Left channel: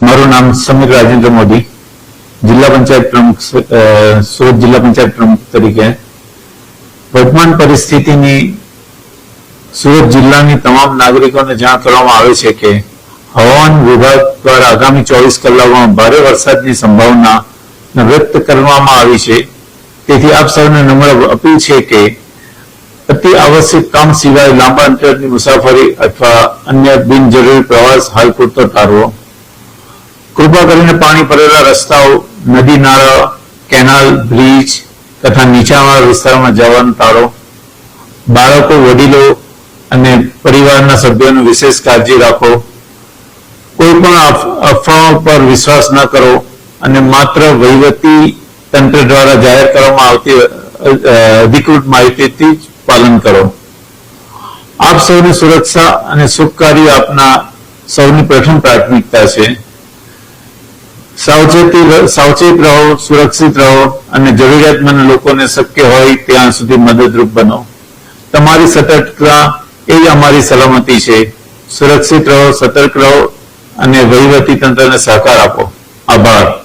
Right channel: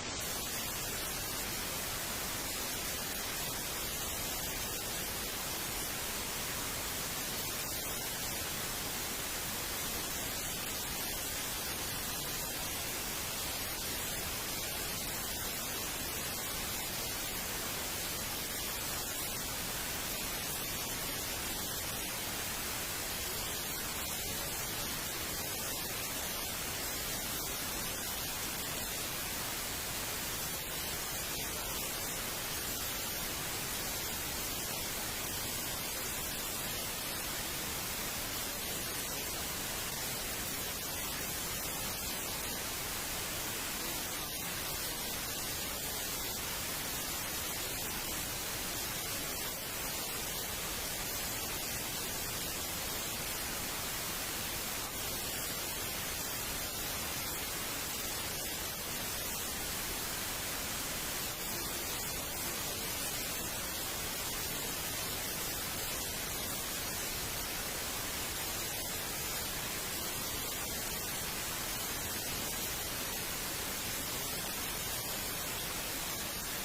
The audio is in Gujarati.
મારું નામ સમીર રાજેન્દ્ર મોદી, જિલ્લા પંચાયત પ્રમુખ, સુરત જિલ્લા પંચાયત પ્રમુખ તરીકે વર્તમાન પરિસ્થિતિની સુરત જિલ્લાની તમામ નાગરિકોને જાણ કરવામાં આવે છે કે હવામાન વિભાગ દ્વારા આગામી 24 કલાકમાં ભારે વરસાદની સંભાવના વ્યક્ત કરવામાં આવી છે। તેથી આપ સૌને નમ્ર અપીલ છે કે અતિ આવશ્યક કામ સિવાય લાંબા અંતરની મુસાફરી અથવા અન્ય બિનજરૂરી પ્રવાસ હાલ પૂરતો ટાળવો। કૃપા કરીને પાણી ભરેલા રસ્તાઓ, નદી નાળા, કેનાલ, બ્રિજ તથા નીચાણવાળા વિસ્તારોમાં જવાનું ટાળો। બાળકો, વડીલો અને પરિવારના સભ્યોની વિશેષ કાળજી રાખો। કોઈ પણ અફવાઓ પર વિશ્વાસ ન કરો અને માત્ર વહીવટી તંત્ર દ્વારા જાહેર કરવામાં આવતી અધિકૃત માહિતીથી જ પાલન કરો। આપ સૌની સુરક્ષા અને સુખકારી આપના સૌની પ્રથમ પ્રાથમિકતા છે। સાવચેત રહો, સુરક્ષિત રહો અને જરૂરિયાતમંદ લોકોને શક્ય હોય ત્યાં સુધી મદદરૂપ બનો। તમારી સતર્કતા એ જ અમારી સલામતી છે। સુરક્ષિત રહો, સતર્ક રહો અને વહીવટી તંત્રને સહકાર આપો। આભાર।